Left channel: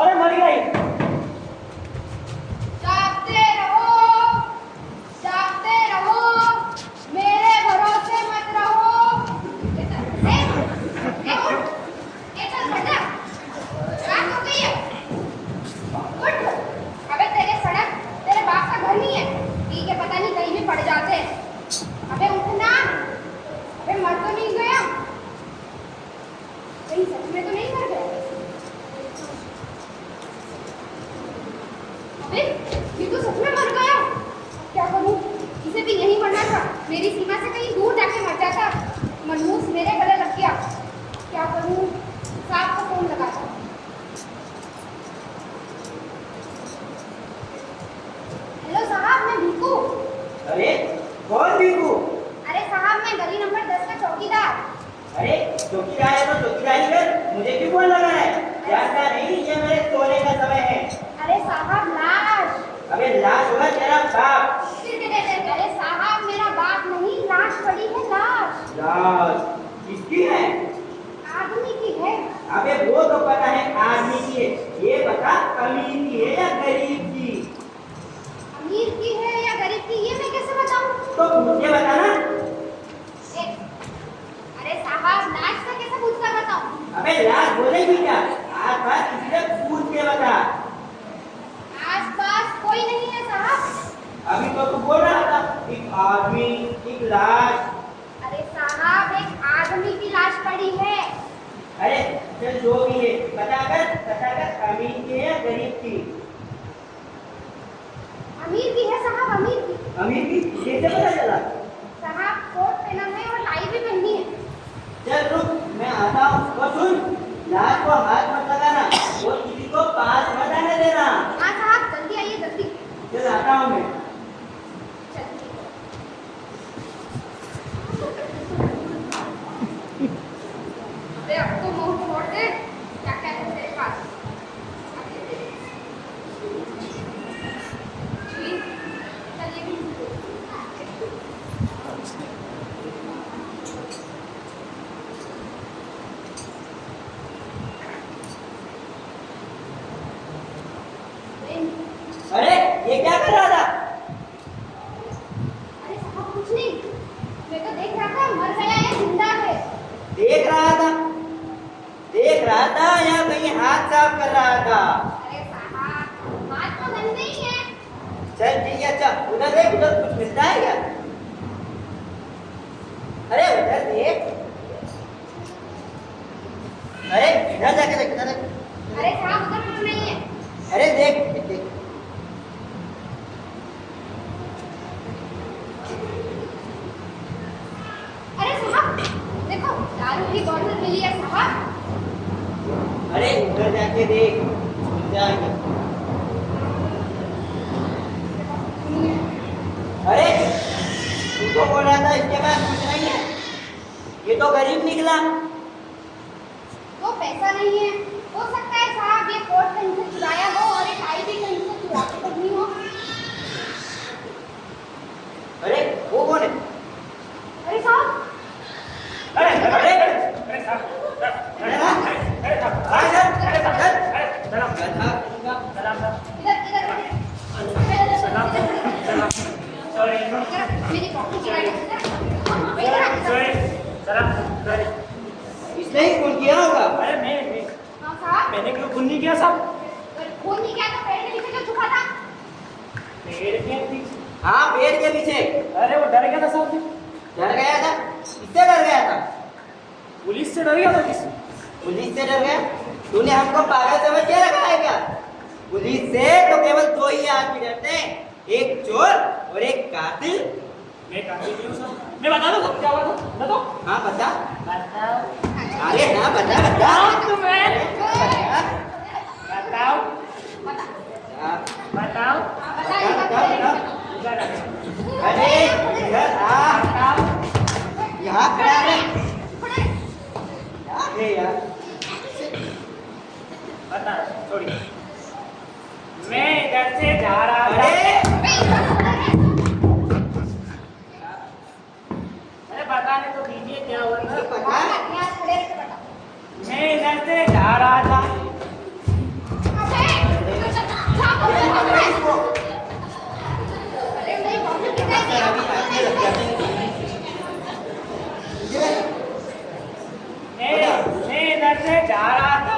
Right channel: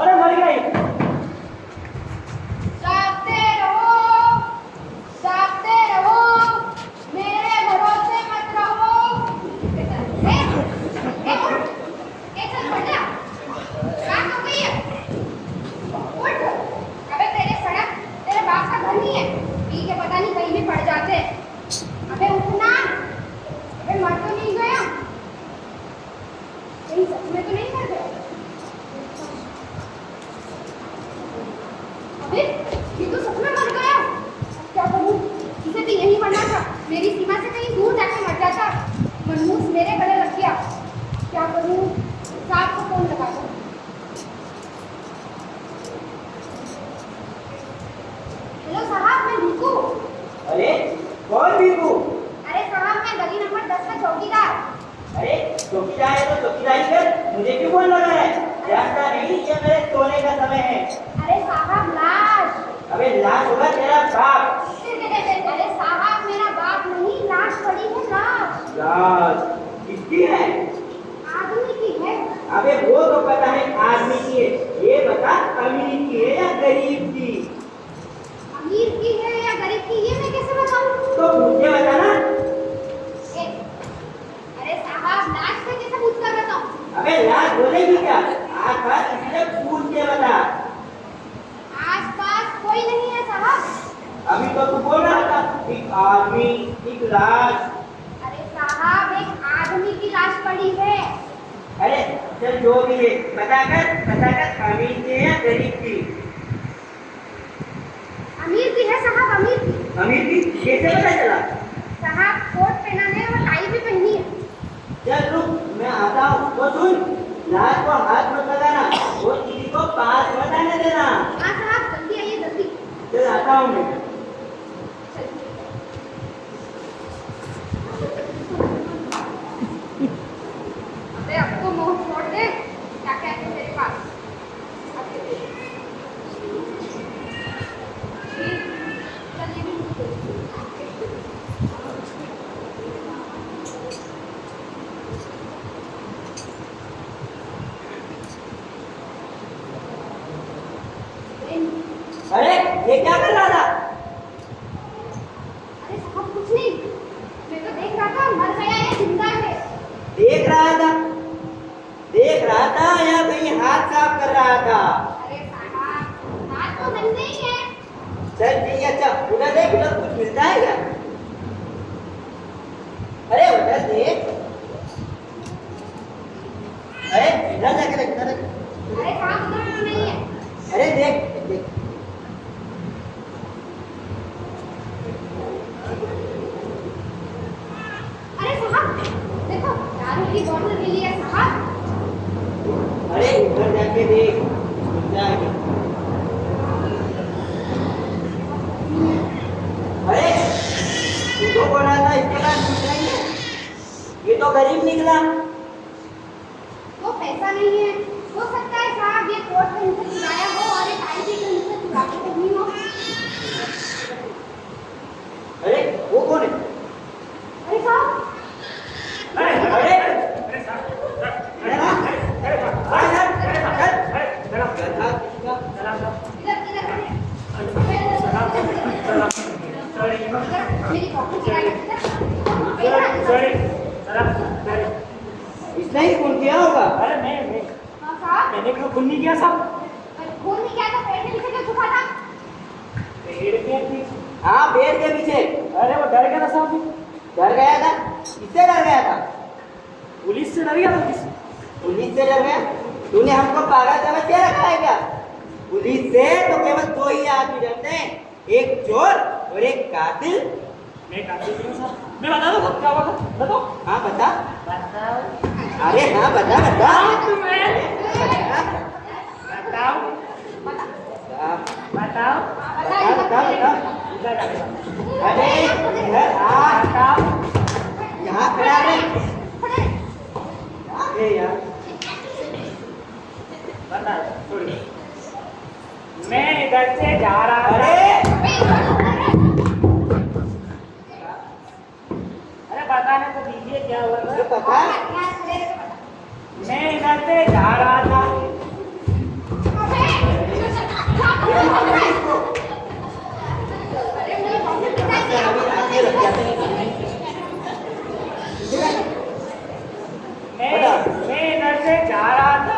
अरे मर गई। जागते रहो, मेरे भरोसे मत रहो। चल बेटा, रात हो गई है, उठ। अबे तेरे सड़क तेरे बाप का घर नहीं है, पी के पता नहीं कहीं भी पड़ जाते। अबे उठना, अबे मर तो नहीं गया, कहीं सच में तो नहीं कर गया? अबे ये तो सच में मर गया। क्या करूं? इसे भी यहीं मरना था, मेरी सीमा से कहीं दूर जाके मर जाता। मनहूस मेरे गले लग गया। क्या करूं? साहब को फोन लगा दो। हेलो साहब, मैं भिक्कू। अरे कौन भिक्कू? अरे साहब, मैं गली नंबर 10 का चौकीदार। अरे चौकीदार है तो चौकीदारी कर, मुझे क्यों फोन लगा है? जानता नहीं ये मेरे सोने का समय है। अरे साहब, लाश। अबे लाश होगा तेरा बाप। अरे साहब, मेरा बाप नहीं, लाश पड़ी है, लाश। लाश किसकी है? आदमी की है। अबे वो तो पता है आदमी की है, ये बता अमीर की है या गरीब की? अमीर की है या गरीब की, ये मैं कैसे बताऊं? तो मुझे बता ना। अरे साहब, लाश से कैसे पूछकर बताऊं? अबे लाश बोलेगी क्या? आस-पास किसी से पूछ के बता। आस-पास कोई नहीं है साहब। अभी तो तू बोल रहा था एक आदमी, एक लाश। अरे साहब, एक आदमी की लाश पड़ी है। अरे चल जो भी है बता कर अमीर की है या गरीब की? अमीर की है साहब, अमीर की। अमीर की कैसे पता चला? साहब, कोट पहना है और टाई भी पहनी है। चल रुक, मैं आता हूँ। तो सुन, लाश को हाथ मत लगाना और किसी को पास मत आने देना। हाँ साहब, जल्दी आइए, जल्दी। चल आता हूँ मैं। चलिए। अबे अब तो मुंह छोड़ दे, क्या क्या है तेरे पास? जी, चलिए भी। अरे ये क्या कर रहा था? अरे साहब, कुछ नहीं, मैं तो देख रहा था मर गया या जिंदा है। देख रहा था या कहीं हाथ साफ कर रहा था? अरे साहब, बात तो गंदे ही है। चल ठीक है, अच्छा उधर देख, उधर कुछ मिलता है क्या? अरे उधर देख, अरे इधर जाके देख, इधर देख। अरे साहब, उधर कुछ नहीं है। अरे देख देख। अरे साहब, देखो दारू की बोतल मिली है साहब। अरे उधर जाके देख, मिल जाएगी। अरे तू तो बोल रहा था इसके पास कुछ नहीं है, ये तो गरीब निकला। वो पैसा नहीं है, हो सकता है साहब ये कोट कहीं से चुराया हो और ये टाई भी कहीं से चुरा के पहनी हो। अरे वो कौन है? अरे साहब, अरे अरे अरे साहब, इधर इधर मेरी कॉफी गिराई है। इसने ही खून किया होगा। अरे मैं हाँ साहब, मैंने क्यों खून नहीं किया साहब? खून नहीं किया तो पेड़ के नीचे क्यों छुपा था? पेड़ के पीछे? हाँ, पेड़ के पीछे। अरे वो डर गया था साहब जी। डर गया था? किससे डर गया था? पुलिस से डर गया था किस? पुलिस से डर गया? तूने हमको पागल समझ के रखा है क्या? पुलिस से तो केवल दो ही आदमी डरते हैं, एक चोर और एक कातिल। मैं कातिल नहीं हूँ साहब। मैं बता दूँ सब क्या हुआ था? बताओ। हाँ बता। बताओ। अरे हाँ बता बता। बताओ तुम्हें। बता। बताओ। बता। बताओ। बता बता बता। इधर आ जाओ। अरे इधर आ। बताओ। यहाँ खड़ा है। अरे यार। बता छोड़िए। मैं इधर से जा रहा था। अरे बताने तो दीजिए क्या हुआ तो था। बता। मैं इधर से जा रहा था। मैं इधर से जा रहा था,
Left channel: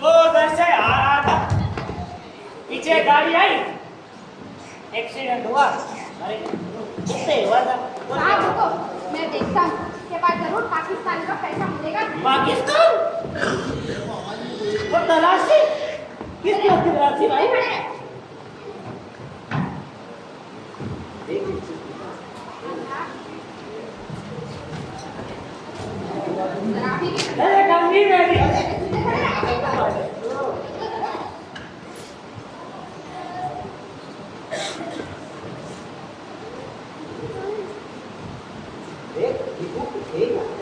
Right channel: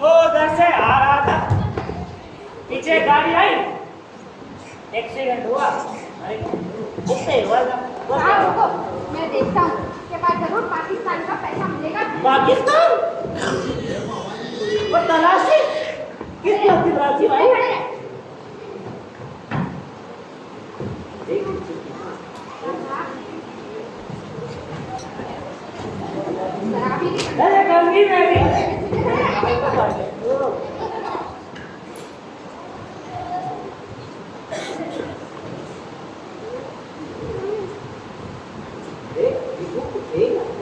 वो उधर से आ रहा था, पीछे गाड़ी आई, एक्सीडेंट हुआ। अरे कितने हुआ था? साहब रुको, मैं देखता हूँ के बाद जरूर पाकिस्तान का पैसा मिलेगा। पाकिस्तान? वो तलाशी? किस बात की तलाशी भाई? अरे गंदी मेरी।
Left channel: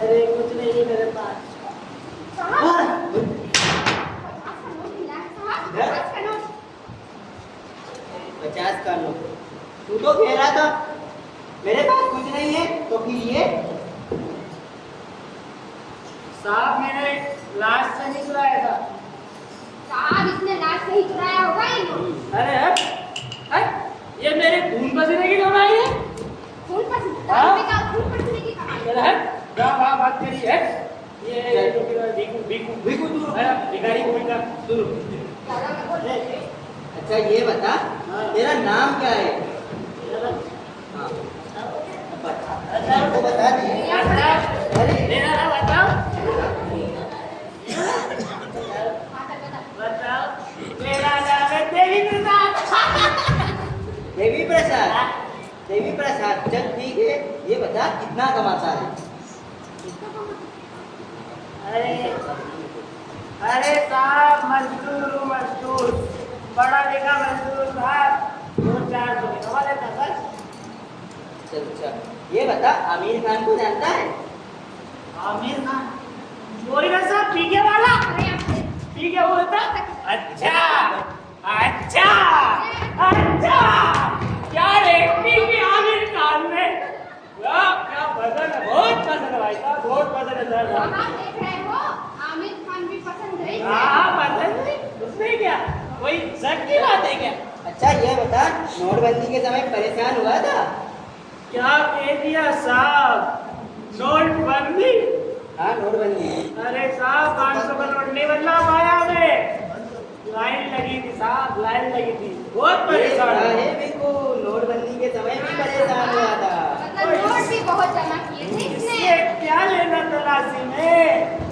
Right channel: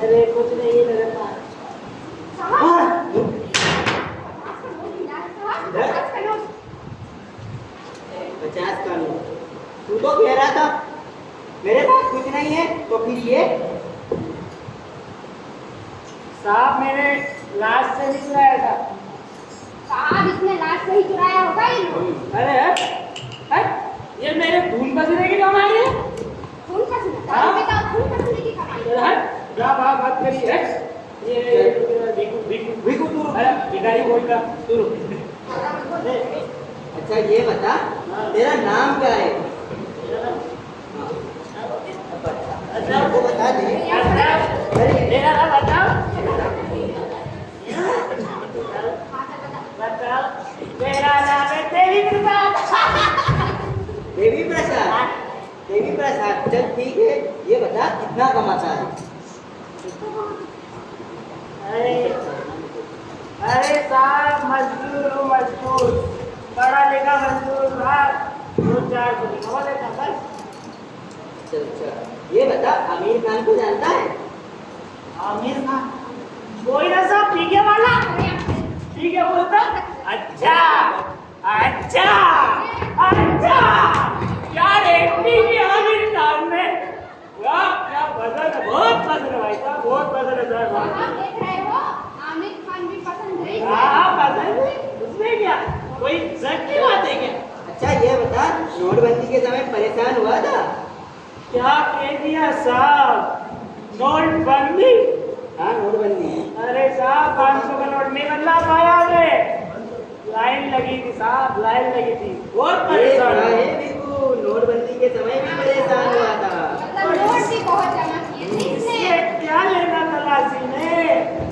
अरे कुछ नहीं है मेरे पास। इधर? 50 का नोट। तू तो कह रहा था मेरे पास कुछ नहीं है, तो फिर ये साहब मैंने लाश से नहीं चुराया था। साहब इसने लाश से ही चुराया होगा ये नोट। अरे ये मेरे धूम पसीने की कमाई है। खून पसीने खून पसीने की कमाई। बात करिए। ये भिखू तू रुक। भिखारी बोल का तू रुक। अच्छा ये बता, तेरा नाम क्या है? हाँ। वो बता दे। अरे मेरा नाम बताओ। बता। बताओ। मेरा नाम है देवी प्रसाद। देवी प्रसाद। देवी प्रसाद, चल ठीक है। ये बता कितना कमाता है? अरे साहब मजदूर हूँ, मजदूर, पढ़ा लिखा मजदूर साहब, 2-4 सौ कमा लेता बस। चल अच्छा ये बता, आमिर खान को जानता है? आमिर खान? वही ना साहब पीके वाला। पीके बोलता? अच्छा अच्छा अच्छा, क्या एक्टिंग की आमिर खान में। क्या पसंद है, बहुत पसंद है भाई साहब, बहुत पसंद है सर। आप देख रहे हो आमिर खान भी पसंद है। हाँ पसंद है, उसमें क्या कोई शक की बात है क्या? अच्छा ये बता, नोटबंदी के समय परेशान हुआ था? क्या कह दिया साहब, नोटबंदी? हाँ नोटबंदी। अरे साहब 500 का नोट नहीं बदला पाया मैं, लाइन लगी थी साहब, लाइन लगी थी, बहुत परेशान ये है। है बिल्कुल, नोटबंदी के समय भी परेशान हुआ था। मतलब नोट भी बहुत जमा किए थे इसने। इससे क्या लेना तलाशी में?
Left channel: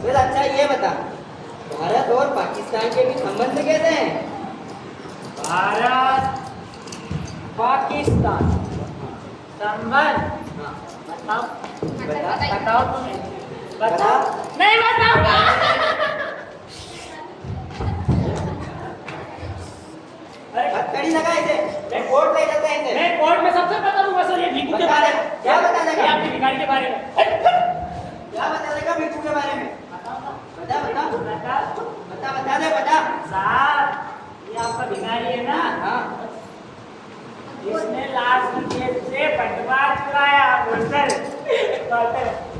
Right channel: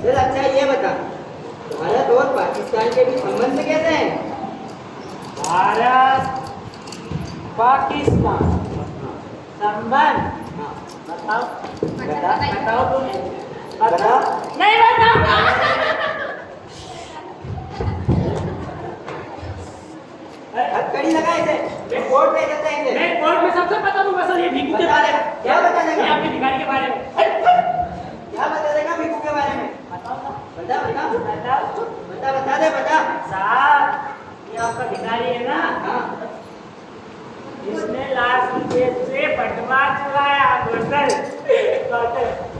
फिर अच्छा ये बता, भारत और पाकिस्तान के बीच संबंध कैसे हैं? भारत पाकिस्तान संबंध? हाँ बताओ, बता। बताओ तुम्हें, बताओ। बताओ। नहीं बताऊंगा। हथकड़ी लगा इसे, मैं कोर्ट ले जाते हैं इसे। मैं कोर्ट में सबसे बता दूंगा सर, ये भिखू के बता बारे दे। में। क्या बता देगा? ये आपके भिखारी के बारे में। क्या बता देगा भिखू के बारे में? बता बता बता बता दे बता। साहब ये आपका भिखारी है ना, हाँ इसने लाश की जेब से बंटवा चुराया।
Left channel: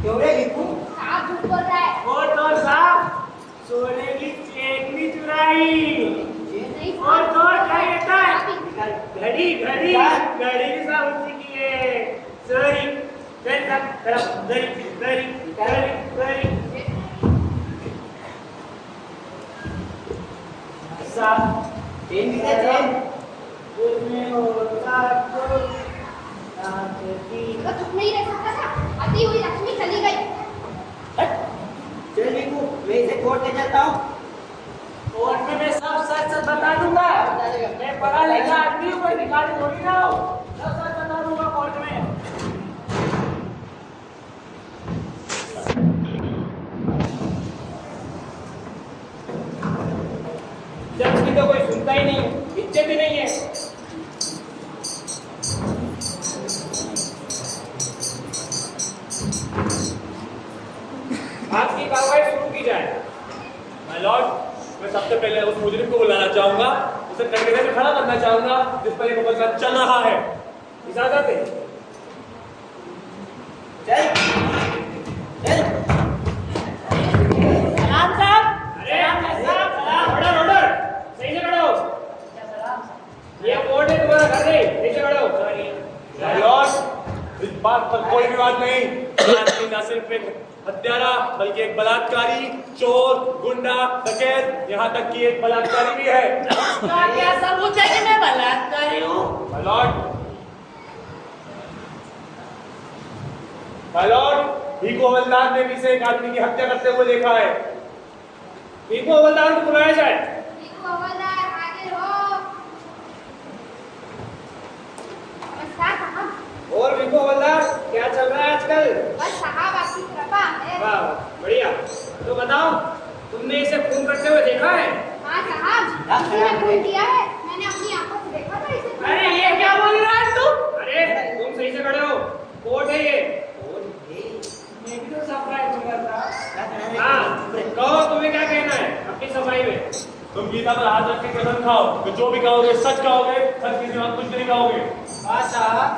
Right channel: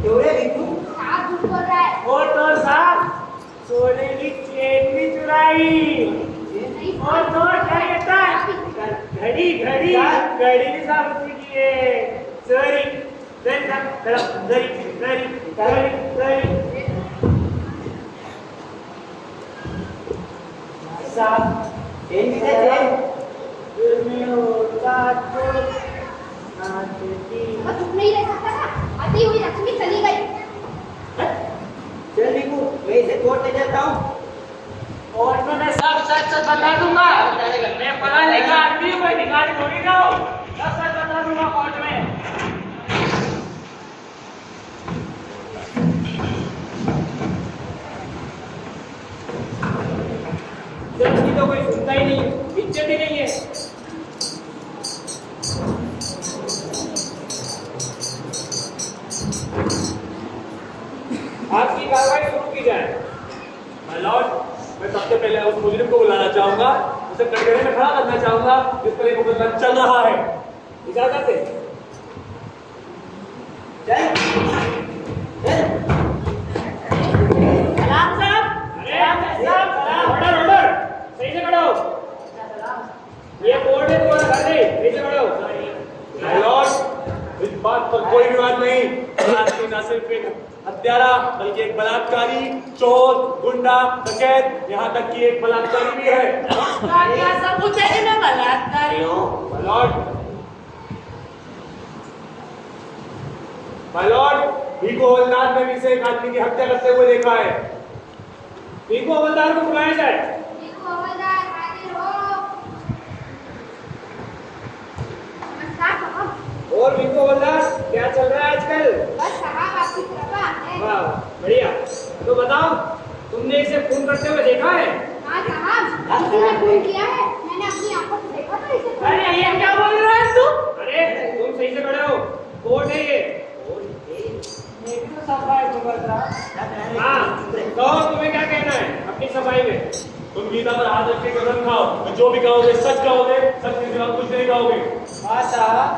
क्यों रे भिखू? आप झूठ बोल रहा है। और तो साहब सोने की चेन भी चुराई, नहीं और तो क्या कहता है, घड़ी घड़ी घड़ी भी साहब उसी की है। सॉरी साहब चेन भी दे चेन। दिल में होता तो नाचती। वो चुप नहीं रह सकता था। अति हुई लक्ष्मी चली गई। चल भिकू, मैं इसे छोड़ के चलता हूँ। कोर्ट में मैं सब सच सच बता दूंगा। मैं पढ़ा लिखा आदमी हूँ, कोई भिखारी थोड़ी ना हो। सब सच बता दूंगा कोर्ट में। जज की तो कोई सुनता ही नहीं है, इज्जत ही नहीं है। आज की कार्रवाई शुरू की जाए। माय लॉर्ड, मैं सबसे पहले उस मुजरिम को बुलाना चाहूंगा, उसे कटघरे में खड़ा करना चाहूंगा जिस पर एक मुकदमा चल रहा है। इजाजत है। चल चल। सलाम साहब। अरे ऑर्डर ऑर्डर, सही से खड़ो। ये कोर्ट है, तुम्हारा घर नहीं, सही से खड़ो। माय लॉर्ड, इस बात पर कोई विवाद नहीं। आदमी न सिर्फ एक हत्यारा बल्कि एक बलात्कारी, चोर, गुंडा, डकैत, यहाँ तक कि एक बलात्कारी भी है। क्या सबूत है कि मैं बलात्कारी हूँ? My lord, my lord, Bhikhu हवलदार ने भी से एक आदमी की हत्या करते हुए देखा है। भीखू हवलदार को बुलाया जाए। भीखू हवलदार हाजिर हो। नमस्कार साहब। और भीखू हवलदार, क्या चल रहा है आजकल? बस साहब आपकी कृपा है। वाह, बढ़िया। तो बताओ, तुमने इसे खून करते हुए देखा है? हाँ साहब, उसने खून किया है। मैंने अपनी आंखों से देखा था इसे। अरे ये क्या बोल रहा है तू? अरे तुम सही से खड़े हो, कोर्ट है ये। मेरी तो सफाई साहब। हाँ, कहो तुम्हें क्या कहना है अपनी सफाई में? तुम गीता पर हाथ रख के कसम खाओ कि जो भी कहोगे सच कहोगे, सच के सिवा कुछ नहीं कहोगे। हाँ साहब,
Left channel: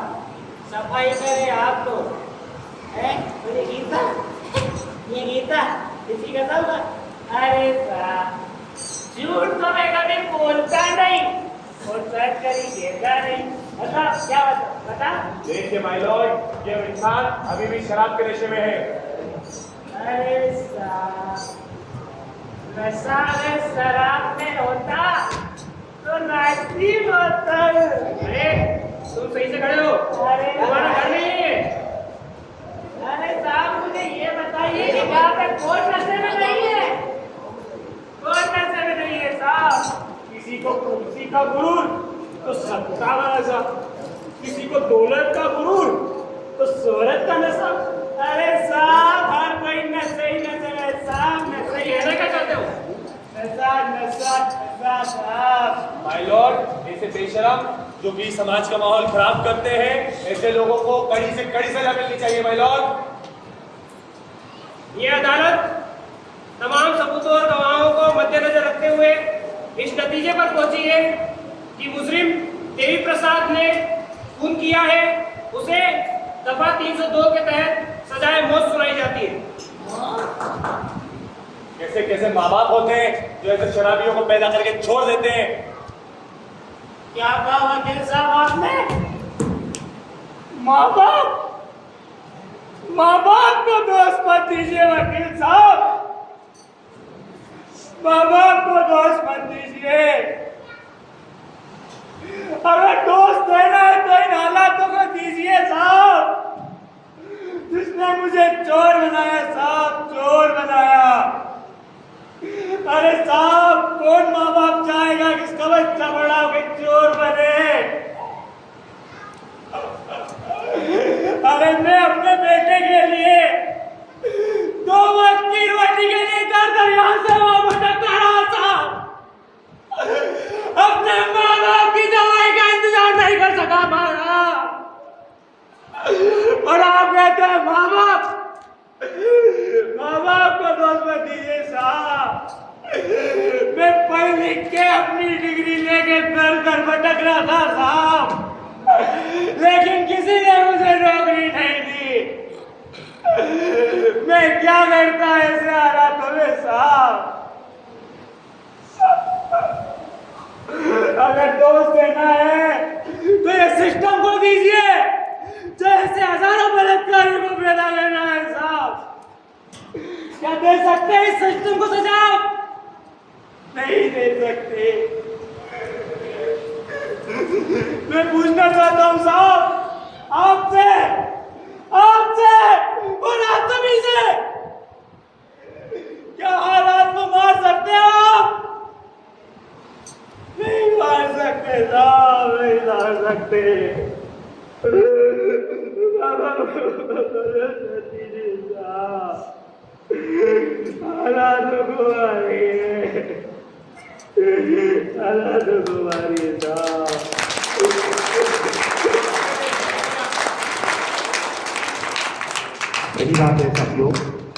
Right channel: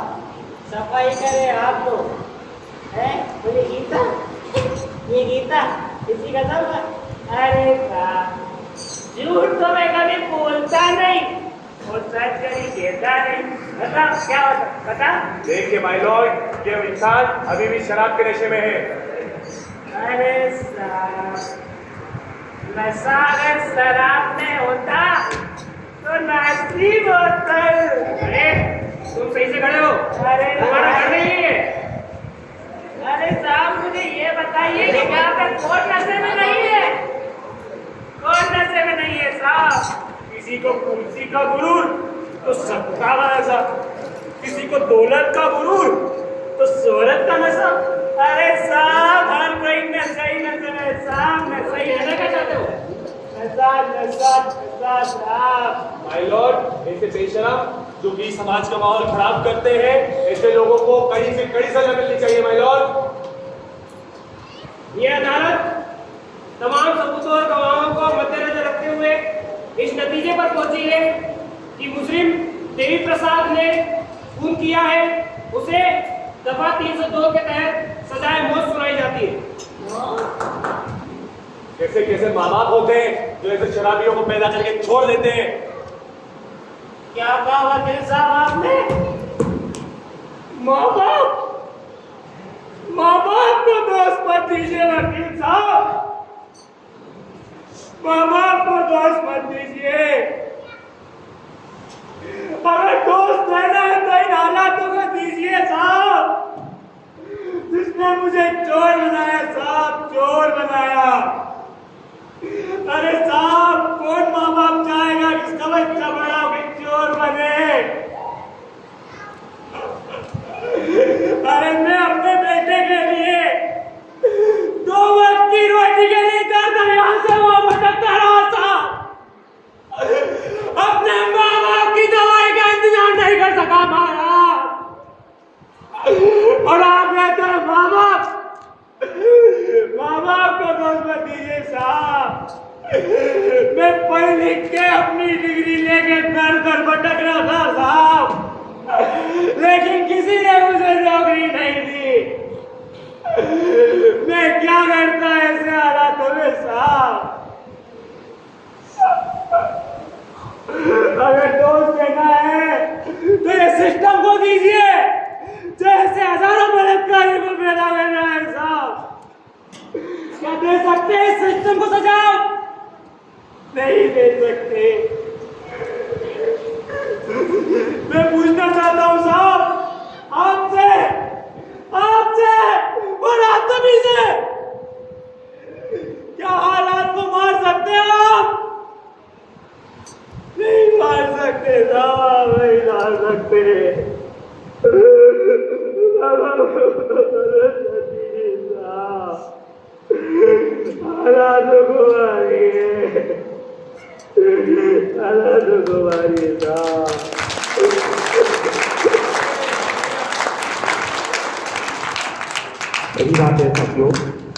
सफाई करे आप तो हैं? तो ये गीता इसी कसम का। अरे साहब, झूठ तो मैं कभी बोलता नहीं और सच कभी कहता नहीं। बता क्या बता? देखिए माय लॉर्ड, ये इंसान अभी भी शराब के नशे में है। अरे साहब, नशा अगर शराब में होता तो नाचती बोतल। अरे तुम सही से खड़े हो, अरे तुम्हारा घर नहीं है। अरे साहब, मुझे ये बताइए कि यहाँ पे कौन नशे में नहीं है? कौन नशे में नहीं है साहब? किसी को कुर्सी का गुरूर तो सबका नशा, किसी को दौलत का गुरूर तो शोहरत का नशा। अरे साहब, हर कोई नशे ही नशे में साहब, नशे ही कहना क्या चाहते हो? नशा नशा नशा साहब। माय लॉर्ड, ऐसे बेशरम जो कि समाज का माहौल खराब करते हैं, ऐसे लोगों को कड़ी से कड़ी सजा मिलनी चाहिए। माय लॉर्ड, ये अदालत तमाम सबूतों और गवाहों को मद्देनजर रखते हुए इस नतीजे पर पहुंची है कि मुजरिम देवी प्रसाद ने खून किया है, उसे दफा 302 के तहत सजाए मौत सुनाई जाती है। कैसे कैसे माँ बाप होते हैं जो ऐसे शराबियों को पैदा करके छोड़ देते हैं। क्या कहा वकील साहब आपने? माँ बाप को दोष मत दीजिए वकील साहब, माँ बाप को दोष मत दीजिए। अगर दोस्त देना है तो इन हालातों को दीजिए साहब, जिसने मुझे चोर बनाया साहब, चोर बनाया। अरे साहब, कौन माँ बाप चाहेगा कि इसका बच्चा बड़ा होकर चोर बने? अरे मैं अपने बेटे के लिए 2 वक्त की रोटी के लिए यहाँ से वहां भटकता रहा था, अपने माँ बाप की दवाई का इंतजाम नहीं कर सका महाराज। और आप कहते हैं माँ बाप को दोष मत दीजिए साहब। मैं पढ़ लिख के अपनी डिग्री लेके दर दर भटक रहा था साहब, लेकिन किसी ने मुझे नौकरी नहीं दी। मैं क्या करता ऐसे हालातों में साहब? अगर दोस्त देना है तो ये सिस्टम को दीजिए, जैसे हजारों बलात्कारी को पैदा करना है साहब। क्या दे सकते हैं इस सिस्टम को सजा? नहीं दे सकते। साहब नहीं डाल सकते हालात कुमारी साहब मेरी बात है साथियों